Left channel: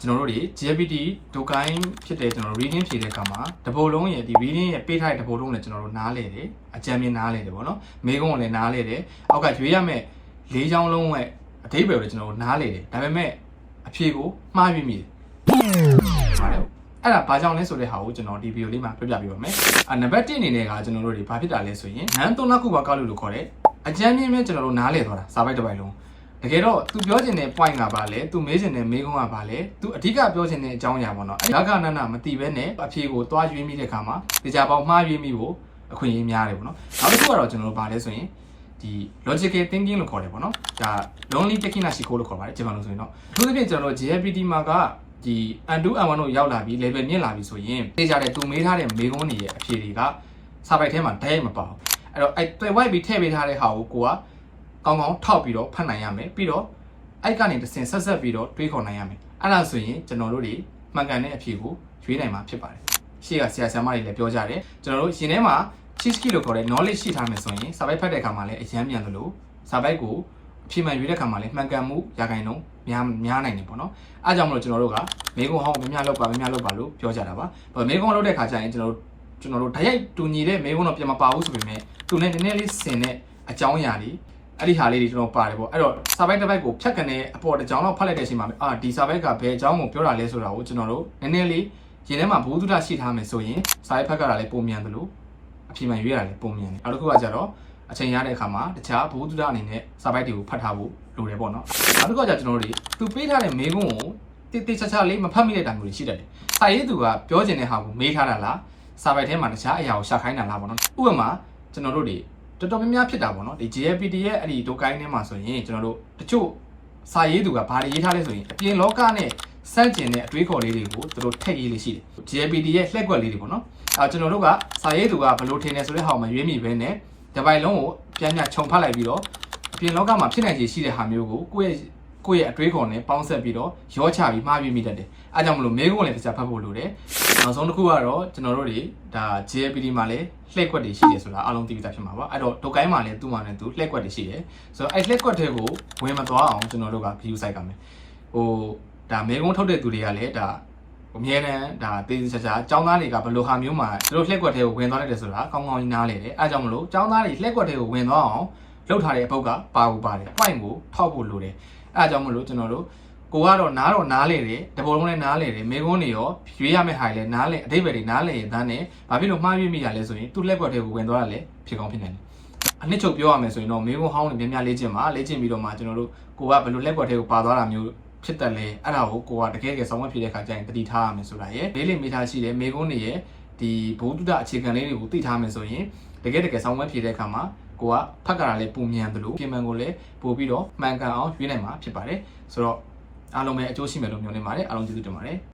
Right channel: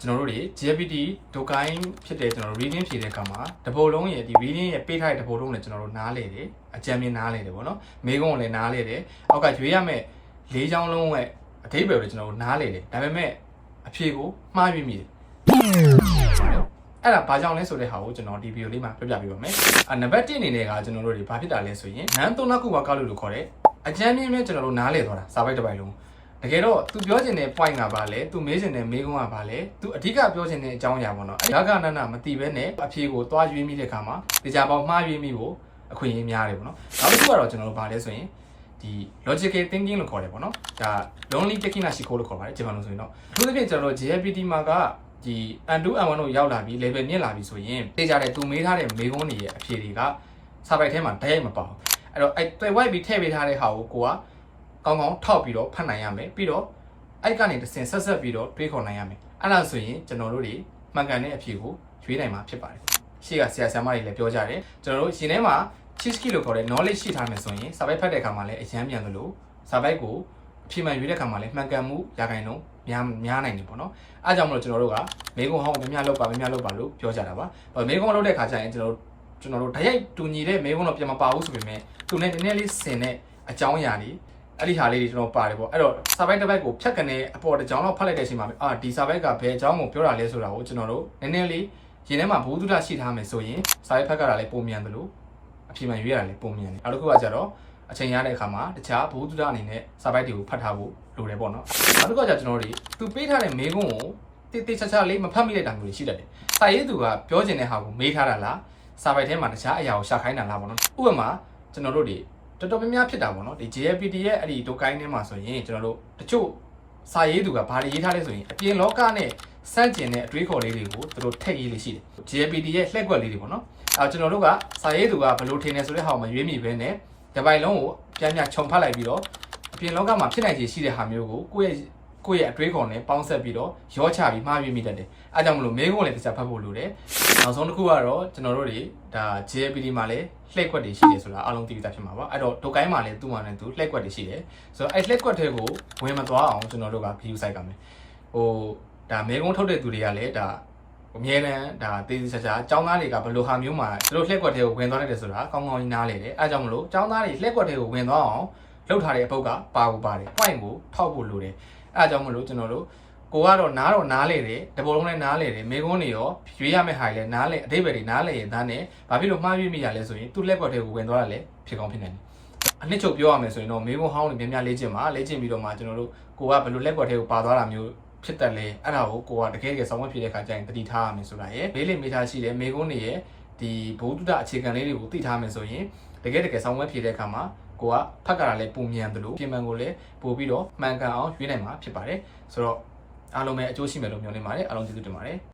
ကျွန်တော်တို့တွေ GPT ဒုကိုင်းဖြစ်တဲ့ကျွန်တော် reading ဖြေတဲ့အခါမှာတပိုလုံးရဲ့ဒီ reading ရဲ့ပေးထားတဲ့တပိုလုံးလည်းကျွန်တော်တို့နားလေတယ်အကြံဉာဏ်နားလေတယ်ပေါ့နော်မေကုန်းကိုလည်းနားလေတယ်အောက်ကရွေးရမယ့်၄ချောင်းလုံးရဲ့အဓိပ္ပာယ်ကိုကျွန်တော်တို့နားလေတယ်ဒါပေမဲ့အဖြေကိုမှားရွေးမိတယ်အဲ့ဒါဘာကြောင့်လဲဆိုတဲ့ဟာကိုကျွန်တော်ဒီဗီဒီယိုလေးမှာပြပြပေးပါမယ်နံပါတ်1အနေနဲ့ကကျွန်တော်တို့တွေဘာဖြစ်တာလဲဆိုရင်နန်းသုံးနာခုပါကောက်လို့ခေါ်တဲ့အကြံဉာဏ်ပဲကျွန်တော်တို့နားလေသွားတာစာပိုက်တစ်ပိုက်လုံးတကယ်တော့ तू ပြောချင်တဲ့ point ကဘာလဲ तू မေးချင်တဲ့မေးခွန်းကဘာလဲ तू အဓိကပြောချင်တဲ့အကြောင်းအရာပေါ့နော်အဲ့ဒါကနနမသိဘဲနဲ့အဖြေကိုသွားရွေးမိတဲ့ခါမှာတရားပေါင်းမှားရွေးမိဖို့အခွင့်အရေးများတယ်ပေါ့နော်နောက်တစ်ခုကတော့ကျွန်တော်တို့ဘာလဲဆိုရင်ဒီ logical thinking လို့ခေါ်တယ်ပေါ့နော်ဒါ lonely taking ရှိခိုးလို့ခေါ်ပါတယ်ဂျပန်လိုဆိုရင်တော့အထူးသဖြင့်ကျွန်တော်တို့ GPT မှာကဒီ N2 N1 တို့ရောက်လာပြီး level မြင့်လာပြီဆိုရင်သိကြတဲ့ तू မေးထားတဲ့မေးခွန်းတွေရဲ့အဖြေတွေကစာပိုက်ထဲမှာတိုက်ရိုက်မပါဘူးအဲ့တော့အဲ့ဝိုက်ပြီးထည့်ပေးထားတဲ့ဟာကိုကိုကကောင်းကောင်းထောက်ပြီးတော့ဖတ်နိုင်ရမယ်ပြီးတော့အဲ့ကနေတစ်ဆင့်ဆက်ပြီးတော့တွေးခေါ်နိုင်ရမယ်အဲ့ဒါဆိုရင်ကျွန်တော်တို့တွေမှန်ကန်တဲ့အဖြေကိုရွေးနိုင်မှာဖြစ်ပါတယ်ရှေ့ကဆရာဆရာမတွေလည်းပြောကြတယ်ကျွန်တော်တို့ရှင်ထဲမှာ cheat လို့ခေါ်တဲ့ knowledge ရှိထားမယ်ဆိုရင်စာပိုက်ဖတ်တဲ့အခါမှာလည်းအရမ်းမြန်သလိုစာပိုက်ကိုအဖြေမှန်ရွေးတဲ့အခါမှာလည်းမှန်ကန်မှုရာခိုင်နှုန်းများနိုင်တယ်ပေါ့နော်အားကြောင့်မလို့ကျွန်တော်တို့ကမေကုန်းဟောင်းများလောက်ပါလို့ပြောကြတာပါမေကုန်းလောက်တဲ့ခါကျရင်ကျွန်တော်တို့ဓာတ်ရိုက်တူညီတဲ့မေကုန်းတော့ပြန်မပါဘူးဆိုပေမဲ့သူနဲ့နည်းနည်းလေးဆင်တဲ့အကြောင်းအရာတွေအဲ့ဒီဟာလေးတွေကျွန်တော်ပါတယ်ပေါ့အဲ့တော့စာပိုက်တစ်ပိုက်ကိုဖြတ်ကနေအပေါ်တစ်ကြောင်တော့ဖတ်လိုက်တဲ့အချိန်မှာဒီစာပိုက်ကဘယ်အကြောင်းကိုပြောတာလဲဆိုတာကိုကျွန်တော်တို့နည်းနည်းလေးရင်ထဲမှာဘုသူဒ္ဓရှိထားမယ်ဆိုရင်စာပိုက်ဖက်ကလည်းပုံမြန်သလိုအဖြေမှန်ရွေးရတာလည်းပုံမြန်တယ်နောက်တစ်ခုကကျတော့အချိန်ရတဲ့အခါမှာတခြားဘုသူဒ္ဓအနေနဲ့စာပိုက်တွေကိုဖတ်ထားဖို့လိုတယ်ပေါ့နော်နောက်တစ်ခုကကျကျွန်တော်တို့သူပေးထားတဲ့မေးခွန်းကိုတိချာလေးမဖတ်မိတဲ့တံမျိုးလေးရှိတတ်တယ်စာရေးသူကပြောချင်တဲ့ဟာကိုမေးထားတာလားစာပိုက်ထဲမှာတခြားအရာကိုရှာခိုင်းတာလားပေါ့နော်ဥပမာကျွန်တော်တို့တွေတော်တော်များများဖြစ်တာပေါ့နော်ဒီ GPT ရဲ့အဲ့ဒီဒုကိုင်းထဲမှာဆိုရင်ကျွန်တော်တို့တချို့စာရေးသူကဘာတွေရေးထားလဲဆိုရင်အပြင်လောကနဲ့စန့်ကျင်တဲ့အတွေးခေါ်လေးတွေကိုသူတို့ထည့်ရေးလေးရှိတယ် GPT ရဲ့လှည့်ကွက်လေးတွေပေါ့နော်ကျွန်တော်တို့ကစာရေးသူကဘယ်လိုထင်နေဆိုတဲ့ဟာကိုမရွေးမိဘဲနဲ့ဒီပိုင်လုံးကိုပြန်ခြုံဖတ်လိုက်ပြီးတော့အပြင်လောကမှာဖြစ်နိုင်ခြေရှိတဲ့ဟာမျိုးကိုကိုယ့်ရဲ့အတွေးခေါ်နဲ့ပေါင်းဆက်ပြီးတော့ရောချပြီးမှားရွေးမိတတ်တယ်အဲကြောင့်မလို့မေးခွန်းလည်းတစ်ခြားဖတ်ဖို့လိုတယ်နောက်ဆုံးတစ်ခုကတော့ကျွန်တော်တို့တွေဒါ GPT မှာလည်းလှည့်ကွက်တွေရှိတယ်ဆိုတာအားလုံးသိပြီးသားဖြစ်မှာပါအဲ့တော့ဒုကိုင်းမှာလည်းသူ့မှာလည်းသူလှည့်ကွက်တွေရှိတယ်ဆိုတော့အဲ့လှည့်ကွက်တွေကိုဝင်မသွားအောင်ကျွန်တော်တို့က view site ကမယ်ဒါမေကုန်းထုတ်တဲ့သူတွေကလည်းဒါအမြဲတမ်းဒါတေးချာចောင်းသားတွေကဘယ်လိုဟာမျိုးမှာသူတို့လှည့်ကွက်တွေကိုဝင်သွားတယ်ဆိုတာကောင်းကောင်းကြီးနားလေတယ်အဲကြောင့်မလို့ចောင်းသားတွေလှည့်ကွက်တွေကိုဝင်သွားအောင်လုပ်ထားတဲ့အပုတ်ကပါဘူးပါတယ် point ကိုထောက်ဖို့လိုတယ်အဲကြောင့်မလို့ကျွန်တော်တို့ကိုကတော့နားလေတယ်တပေါ်လုံးလည်းနားလေတယ်မေကုန်းတွေရောရွေးရမယ့်ဟာတွေလည်းနားလေအဓိပ္ပာယ်တွေနားလေရင်သားနဲ့ဘာဖြစ်လို့မှားရွေးမိရလဲဆိုရင်သူ့လက်ကွက်တွေကိုဝင်သွားတာလည်းဖြစ်ကောင်းဖြစ်နေတယ်အနှစ်ချုပ်ပြောရမယ်ဆိုရင်တော့မေကုန်းဟောင်းတွေများများလေ့ကျင့်ပြီးတော့မှကျွန်တော်တို့ကိုကဘယ်လိုလက်ကွက်တွေကိုပါသွားတာမျိုးဖြစ်တယ်လေအဲ့ဒါကိုကတကယ်ဆောင်းဝဲဖြစ်တဲ့ခါကျရင်တတိထားရမယ်ဆိုတာရယ်လေးလေးမေးထားရှိတယ်မေကုန်းတွေရဲ့ဒီဘုဒ္ဓအခြေခံလေးတွေကိုသိထားမယ်ဆိုရင်တကယ်ဆောင်းဝဲဖြစ်တဲ့ခါမှာကိုကဖတ်ကြတာလည်းပုံမြန်တယ်လို့ပြင်မှန်ကိုလည်းပို့ပြီးတော့မှန်ကန်အောင်ရွေးနိုင်မှာဖြစ်ပါတယ်ဆိုတော့အားလုံးပဲအကျိုးရှိမယ်လို့မျှော်လင့်ပါတယ်အားလုံးကျေးဇူးတင်ပါတယ်